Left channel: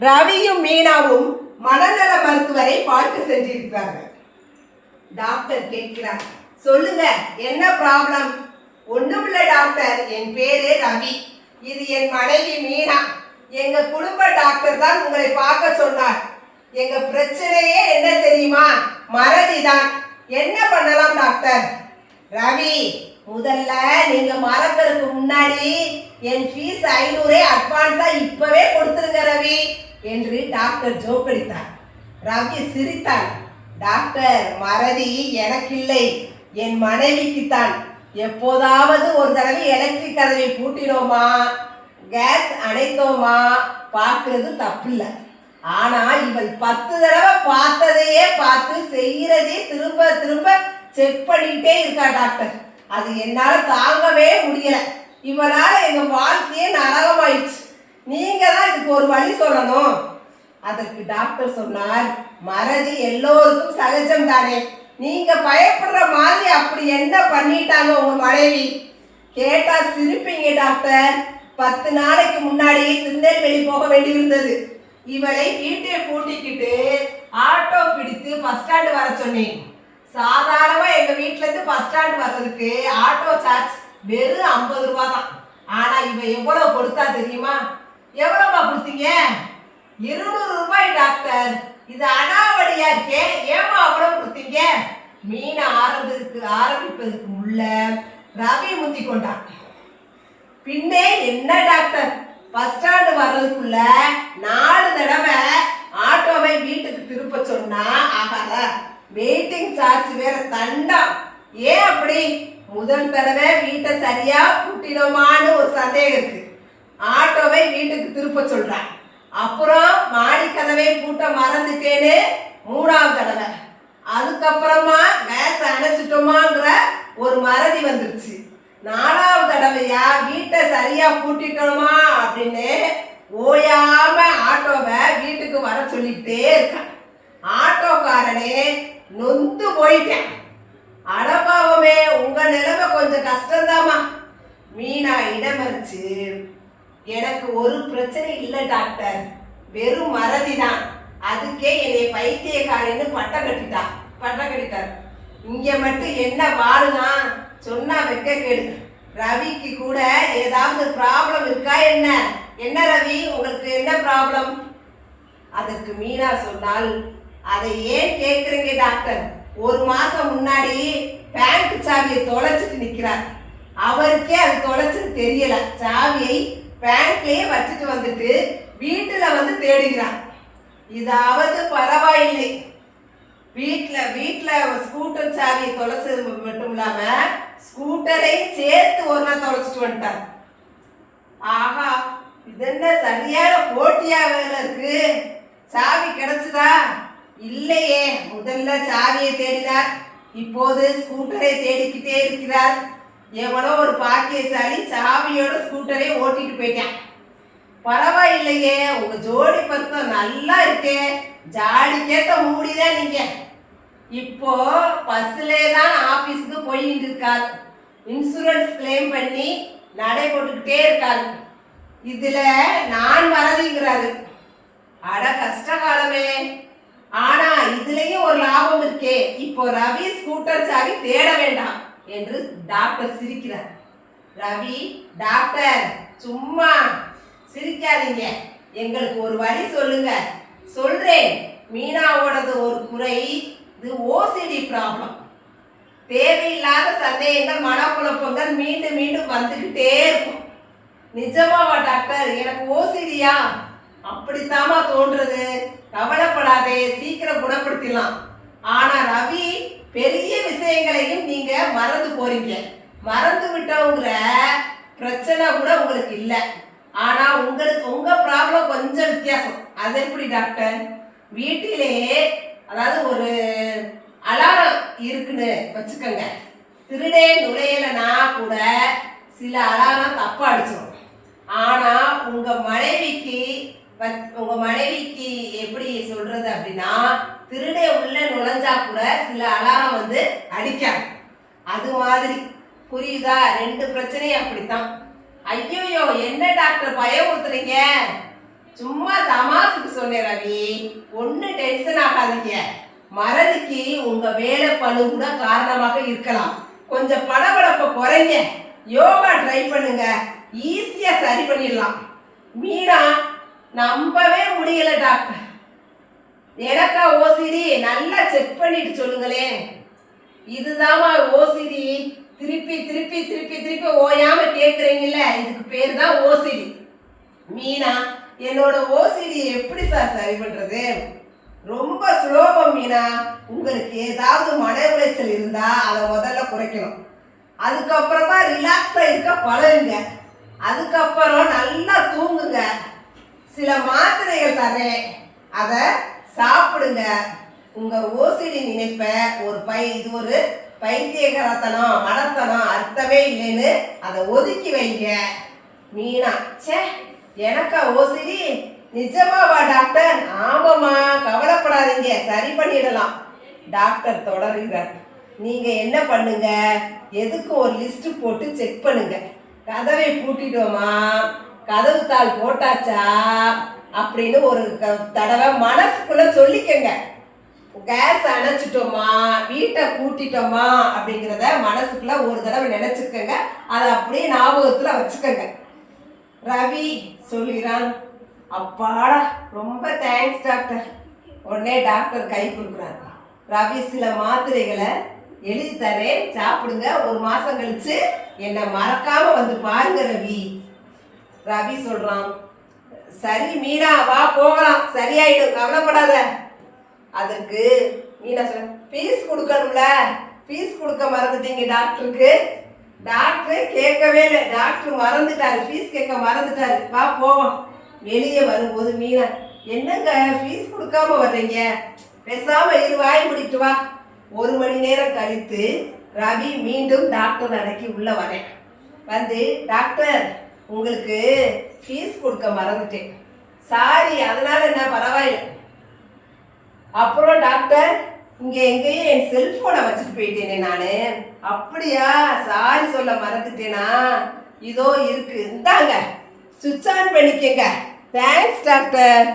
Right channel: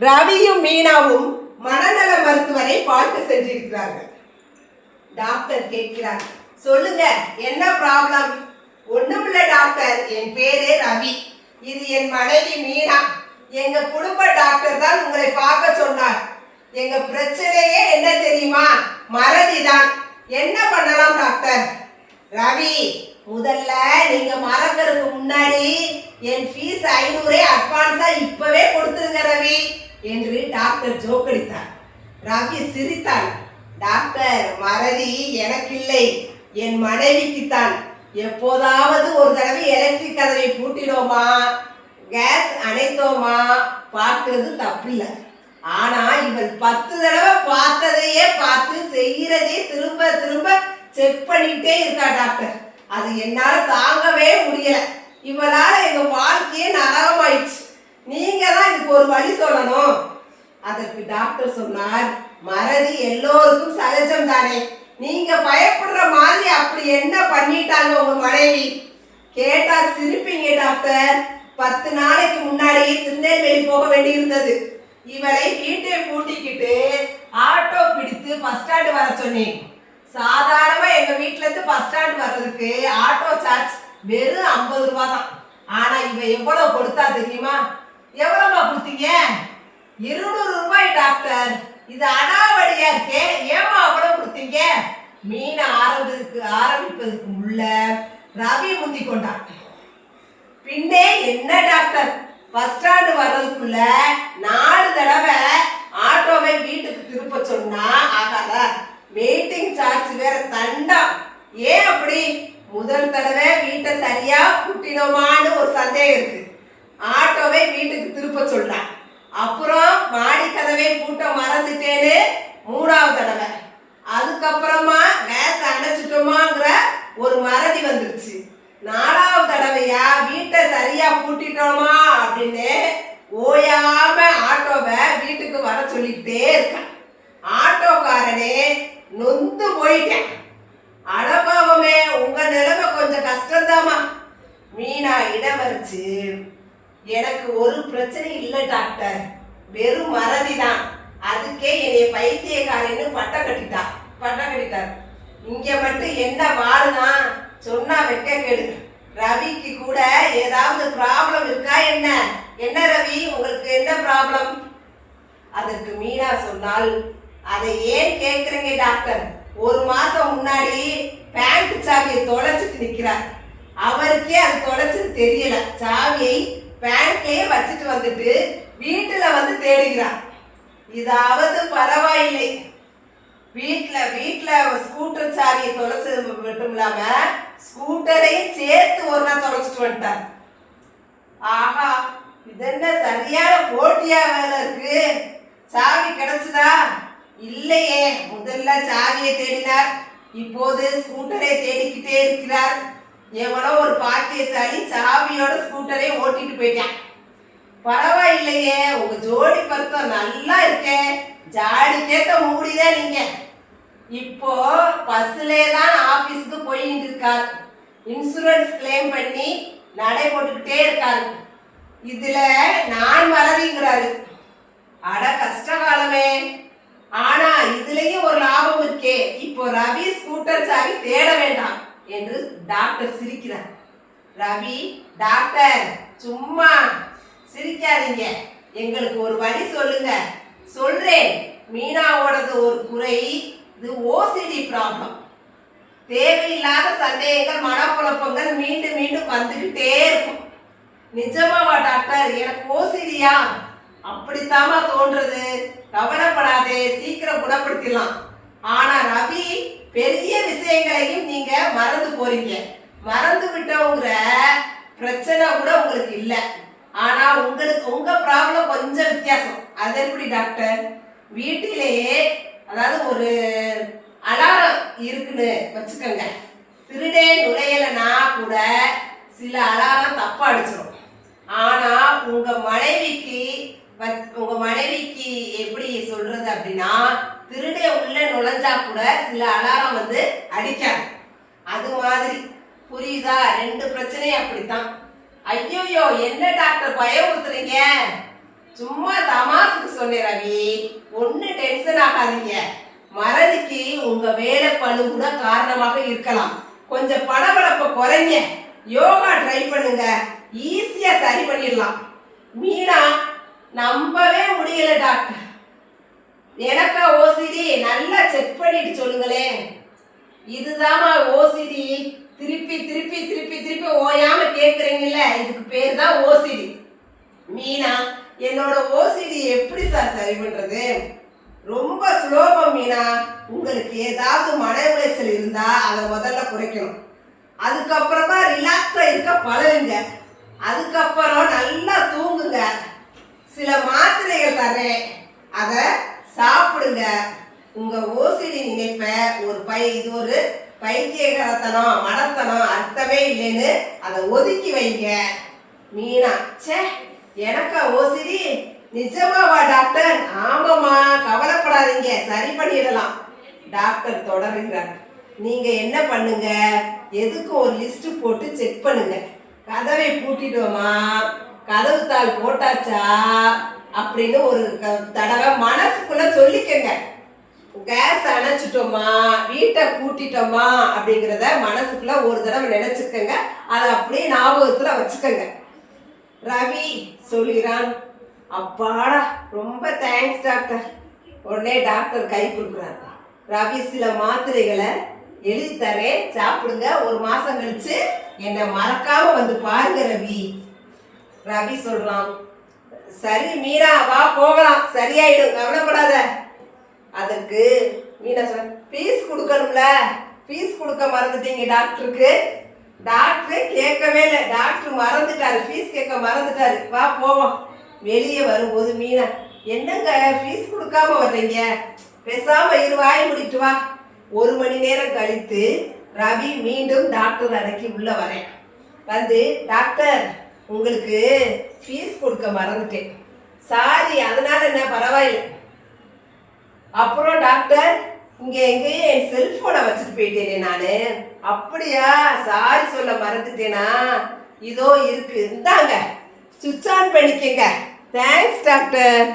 ரவியும் மீனாவும் மனநல மருத்துவரை பார்க்க சென்றிருக்கிறார்கள். டாக்டர் கேட்கிறார் சொல்லுங்க என்ன ப்ராப்ளம் ஒண்ணுமில்ல டாக்டர் என் பேரு ரவி. இது என் மனைவி மீனா. எங்க குடும்ப டாக்டர் தான் உங்களை பார்க்க சொன்னார். எங்க பிரச்சனையே என்ன தெரியுமா? மறதிதான் என்ன பண்ணலாம் டாக்டர்? ரவி முதல்ல நீங்க மறக்கிறதுக்கு முன்னாடி என் ஃபீஸ் ஐநூறே அட்வான்ஸா இப்பவே கொடுத்துருங்க ரவி. என்று டாக்டர் ஜோக்கடித்தார். ரவி சிரித்தான் டாக்டர் மறதி எனக்கில்லை. என் மனைவிக்குத்தான் எப்போதாவது ஒரு தடவை எலக்ட்ரிக் கதவை பூட்டினோமா கேஸ் அணைத்தோமா? பார்க்கறது தப்பில்லை. ஆனா இவள் பத்து தடவை பார்த்ததையே பார்த்து செய்யறதே திரும்ப திரும்ப செக் பண்ணிக்கிட்டே இருக்கா டாக்டர். அது என்னால தாங்கவே முடியல. இவளால எங்க வாழ்க்கையே நரகமாயிடுச்சு. நீங்க தான் இதுக்கு ஒரு வழி சொல்லணும். அதற்கு டாக்டர் சொன்னார் மறதி எல்லோருக்கும் சகஜம் தானே. நீங்க பயப்படுற மாதிரி அப்படி என்ன பண்ணிட்டாங்க உங்க மனைவி? கேட்டா சிரிப்பீங்க டாக்டர். பத்து நாளைக்கு முன்னாடி திருநெல்வேலி போக வேண்டியிருந்தது. இவரை வீட்டை பூட்டிக்கிட்டு ஆட்டோ பிடித்து பஸ் ஸ்டாண்டு வர சொன்னேன். சாதாரணமா எங்க வீட்ல இருந்து பஸ் ஸ்டாண்டு வர்றதுக்கு ஆட்டோ சார்ஜ் வெறும் ஐம்பது ரூபா தான் ஆனா இவ எவ்வளவு கொடுத்தா தெரியுமா? எவ்வளோமா கொடுத்தீங்க? இருநூறு ரூபாய் டாக்டர். இது அடாவடியா இருக்கே. ஏமா அவ்வளோ கொடுத்தீங்க? மீன் ஆரம்பிப்பதற்கு ஆரம்பிப்பதற்கு உள்ள ரவி முந்தி கொண்டான். பின்னே என்ன டாக்டர்? பஸ் ஸ்டாண்டு வர்றதுக்குள்ள நாலு தடவை ஆட்டோவை வீட்டுக்கு திருப்ப சொன்னா ஆகாத. வெயிட்டிங் சார்ஜ் வேற தண்டம். ஏன் அப்படி? முதல் தடவை வீட்டை சரியா கூட்டினோமான்னு ஒரு சந்தேகம் இருக்கு. ஆட்டோவை வீட்டுக்கு திருப்ப சொல்றான். அப்புறம் மாடி கதவை பூட்ட மறந்துட்டேன்னு மூணாவது தடவை. அதுக்கப்புறமா கேஸ் அணைச்சிட்டோமாங்கிற ஒரு மறதி வந்துருச்சு. நாலாவது தடவையா வீட்டை சரியா பூட்டிட்டோமா அப்படின்னு ஓயாம ஆட்டோவை வீட்டுக்கு வர சொல்லிக்கிட்டே இருக்கான் ஆட்டோக்காரனே நொந்து போயிட்டேன். அடபாவமே உங்க நிலைமை கொஞ்சம் கஷ்டம்தாம்மா. மீனா இடமறிச்சு எனக்கு ஒரு பிரச்சனை இல்லை டாக்டர். வெறும் மறதி தான் அதுக்கே என்னை பைத்தியக்காரன்னு பட்டம் கட்டிட்டா பட்டம் கட்டிட்டார். இங்கே மட்டும் என்ன வாழுனா? சொன்னா வைக்க கேடு. ரவிக்கு கூட ஏதாவது ப்ராப்ளம் இருக்கா என்ன? என்ன ரவி உங்களுக்கு என்ன ப்ராப்ளம் அதற்கு மீனா சொன்னால் அதை ஏன் கேட்குறீங்க டாக்டர்? ஒரு மாதம் முன்னாடி பேங்க் சாவியை தொலைச்சிட்டு நிற்கிறார் அவருக்கே அது தொலைச்சது தெரியலை. சாவியை பேங்க்லயே வச்சுட்டு வந்துட்டு வீட்டுல வந்து தேடுகிறான். இதாவது பரவாயில்லை. வீட்டில் வீட்டில் ஸ்கூட்டர் சாவியை தொலைச்சது மட்டும் இல்லாமல் ஸ்கூட்டரையும் சேர்த்து ஒரு நாள் தொலைச்சிட்டு வந்துட்டார் ஆஹா இது என்ன சரியான போட்டியா வேலை இருக்கு? சாவி கிடைச்சதா? இல்லையே முதல்ல சாவியை தேடினார். இப்போது ஸ்கூட்டரை தேடிக்கிட்டே இருக்கிறார். எவனோ ஒரு பாக்கியசாலி சாவியோட ஸ்கூட்டரே ஓட்டிட்டு போயிட்டான். பரவாயில்லையே உங்க ஜோடி பருத்தம் நல்லா இருக்கே. ஜாடிக்கேத்த மூடிதான் நீங்க? இப்போ பஸ்லே தான் ஆபீஸ்க்கு போயிட்டு இருக்கார். இன்சூரன்ஸ் கிளைம் பண்ணி நடை போட்டுக்கிட்டே இருக்காரு. இதுல நான் வரதிங்கிறாரு. அட கஷ்ட காலமே. ஆனா இதுலயும் ஒரு லாபம் இருக்கே. இப்போ ரவி ஸ்கூட்டர் சாவி தேட வேண்டாம். என்று டாக்டர் சிரிக்கிறார். ரவி டாக்டர் சும்மா சிரிக்காதீங்க. எங்களுக்கு ஒரு வழி சொல்லுங்க. சொல்றேன். மீனாவோடது ஒரு குறை. இது ஓசிடி ப்ராப்ளம் தேவையில்லாத சந்தேகங்கள் மனக்குழப்பங்கள் மீண்டும் மீண்டும் வந்துக்கிட்டே இருக்கும். நிஜமாவா டாக்டர் எனக்கு ஓசிடியா அப்படித்தாமா தோன்றது கவலைப்படாதே. சீக்கிரம் குணப்படுத்திடலாம். ஆனா ரவி பெரிய விஷயங்களையும் நீங்க மறந்து போறீங்க. மறந்து விட்டவங்கிற பிரச்சனை கூட உங்களுக்கு இல்லை. ஆனா உங்களுக்கு உங்க ப்ராப்ளம் கொஞ்சம் வித்தியாசம். அது எப்படி டாக்டர் வீட்டிலேயே அதாவது ஒரு அலாரம் இருக்குன்னு வச்சுக்கோங்க. திருடே நுழையலைன்னா கூட சில அலாரம் தப்பா அடிச்சிடும் ஆனா உங்க மனைவிக்கு உங்க மனைவிக்கு எப்படி சொல்றது அப்படின்னா திருடே உள்ள நுழைஞ்சா கூட சில அலாரம் வந்து அடிக்காது. அது மாதிரி. புரியுதா? ரெண்டு பிரச்சனையும் அப்படித்தான். ஐயோயோ என்ன டாக்டர் பயமுறுத்துறீங்க? சும்மா தமாசுக்கு சொன்னேன் ரவி. ஒன்றும் டென்ஷன் ஆகாதீங்க. மறதிக்கு உங்க வேலை பளு கூட காரணமாக இருக்கலாம். கொஞ்சம் படபடப்பை குறைங்க. யோகா ட்ரை பண்ணுங்க. ஈஸியா சரி பண்ணிடலாம். மீனா நம்பவே முடியல டாக்டர். எனக்கா ஓசிடி நல்லா செக் பண்ணிட்டு சொல்லுங்களேன். இதுதாம்மா ஓசிடி திருப்பி திருப்பி திருப்பி திருப்பி ஓயாம கேட்குறீங்கல்ல இதுக்கு பேர் தான் ஓசிடி மீனா என்னோட ஓசிடி எப்படி சார் சரி பண்றது? ரொம்ப சுலோபம் மீனா. உங்களுக்கு ஏதாவது மன உளைச்சல் இருந்தா அதை முதல்ல குறைக்கணும். அதுக்கப்புறமா ரிலாக்ஸாக இருக்க பழகுங்க. அதுக்கப்புறம் நல்லா தூங்குங்க. சில மாத்திரைகள் தரேன். அதை சாப்பிடுங்க. உங்க ஓசிடி நினைப்ப ஒரு பை இது ஒரு பைத்தியகரத்தனம் மடத்தனம் அர்த்தமே இல்லைன்னு அதை ஒதுக்கி வைங்க. மீனா ச்சே எனக்கா ஓசிடி? நிஜமாவா டாக்டர்? ஆமாம்மா கவலைப்படாதீங்க சரி பண்ணிடலாம். டாக்டர் தொடருகிறார். நீங்க என்ன பண்ணுங்க? எதுக்கும் ஒரு லிஸ்ட் போட்டு செக் பண்ணுங்க. கதவை பூட்டிடுவோமா கதவு தாள் போட்டாச்சா? அப்படின்னு ஒரு க- தடவை மனசுக்குள்ள சொல்லிக்கங்க. கேஸ் அணைச்சிட்டோமா வீட்டை கூட்டிட்டோமா அப்படிங்கிறத மனசுக்குள்ள ஒரு தடவை நினைச்சுக்கங்க. அதை அப்படியே ஞாபகத்துல வச்சுக்கோங்க. ரவி சொல்லிறான் அப்பாடா ரொம்ப தேங்க்ஸ் டாக்டர் உடனே டாக்டர் கை கொடுக்குறாரு. ரவி சில மாத்திரைகளை எழுதி தரேன் சாப்பிடுங்க. ஒரு மாசம் கழிச்சு என்னை மறக்காம வந்து பாருங்க ரவி. ரவி சொல்றான் சரி மீனா வா போகலாம். சரியாயிடும் கவலைப்படாத. அதுக்கு மீனா சொல் ஃபீஸ் கொடுக்கணும்ல. ஃபீஸ் கொடுக்க மறந்துட்டீங்க டாக்டருக்கு. டாக்டர் கேட்கவே இல்லை. டாக்டர் மறந்துட்டாரு. ஃபீஸ் கேட்க மறந்துட்டாரு. வா போவோம். வெளியே வரும்போது மீனா என்னங்க ஃபீஸ் கொடுக்காம வர்றீங்க? பேசாம இரு வாய் முடிட்டு வா. ஒரு மணி நேரம் கழித்து ரவி மீண்டும் டாக்டர் அடக்கி உள்ள வரேன். வந்து டாக்டர் உங்களுக்கு ஃபீஸ் கொடுக்க மறந்துட்டேன். சாரி அதனால என்ன பரவாயில்லை. அப்புறம் டாக்டர் இங்கே எங்கேயும் என் செல்ஃபோனை வச்சுட்டு போயிட்டேனே நான். அப்படியா? சாரி சொல்ல மறந்துட்டேனா? இதோ இருக்கு. இந்தாங்க. சுவிட்ச் ஆன் பண்ணிக்கங்க. Thanks doctor